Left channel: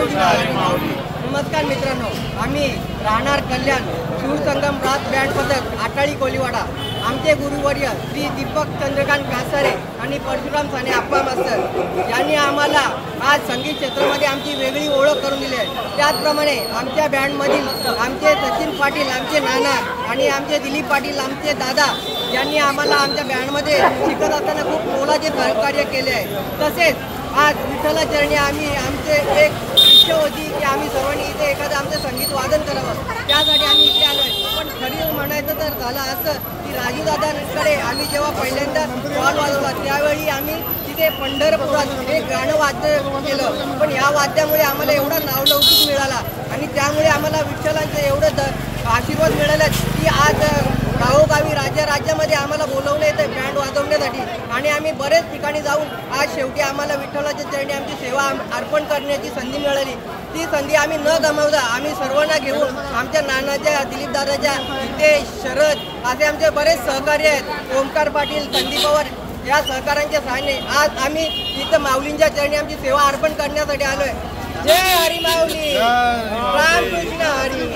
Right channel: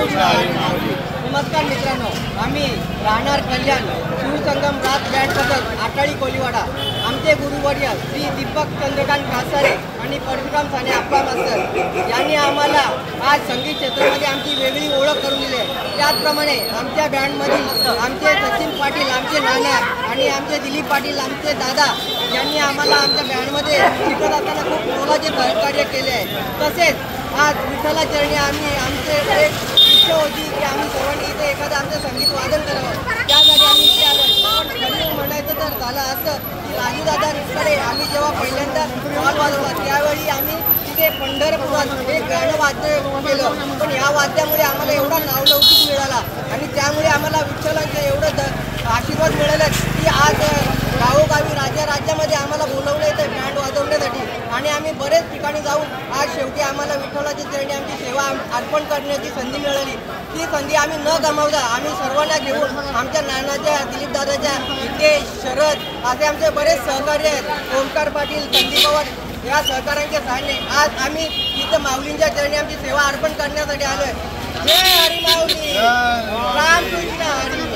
रामकृष्ण हरी माऊली। नमस्कार मित्रांनो, आम्ही राहणार कल्याण सूरसंगम रात बँड पथक आटाळी कोलीवाडा। आमचे गुरुवर्य श्री दीपक चंद्रकांत कासारे आणि परशुराम साने आप्पा मास्तर यांनी आम्हाला आज संगीत क्षेत्रामध्ये आमची वेगळी ओळख करून दिली आहे। त्याचप्रमाणे आमच्या बँडमधील आमचे सचिन पाटील, आमचे नाना आणि आमचे दिलीप पाटील, आमचे दादा यांनी आम्हाला आमच्या बँडमध्ये शिकत असताना खूप मोलाचे सहकार्य केले आहे। तसेच आज विठ्ठला चरणी आम्ही आमचे एक इच्छा होती की आम्ही सर्वांनी इथे एखादं आमचं संगीत वादन करावं, त्यासाठी आम्ही इथे आलो। पण खरी म्हणायचं तर झालं असं की राजूदादांकडे आम्ही जेव्हा पहिल्यांदा ढोल वाजवला त्यावेळी आम्ही तिथे पंढरपुरात एक गाणं वाद्य केलं, पण या वाद्यामुळे आम्हाला एवढा नावलौकिक मिळाला आणि त्यामुळे आम्हाला विठ्ठलाचे एवढं आशीर्वाद मिळाले की आज गावोगावी राज्यामध्ये आम्हाला बोलवलं येतं बँड वाजवण्यासाठी आणि आम्ही बरेच ठिकाणी जाऊन आज शेवटी आम्हाला विठ्ठलाच्या चरणी आमची सेवा अर्पण करण्याची संधी मिळाली। ती संधी आम्ही न गमावता आम्ही सर्वांना घेऊन आमच्या नानाच्या, दिलीप दादाच्या, हितेश, शरद असे आमचे बरेच सहकारी आहेत, ओमकार पाटील, संदीप पवार या सहकाऱ्यांच्या सहाय्याने आज आम्ही इथं माऊलींच्या चरणी आमची सेवा अर्पण करण्यासाठी आलोय। जय हरी माऊली, रामकृष्ण हरी।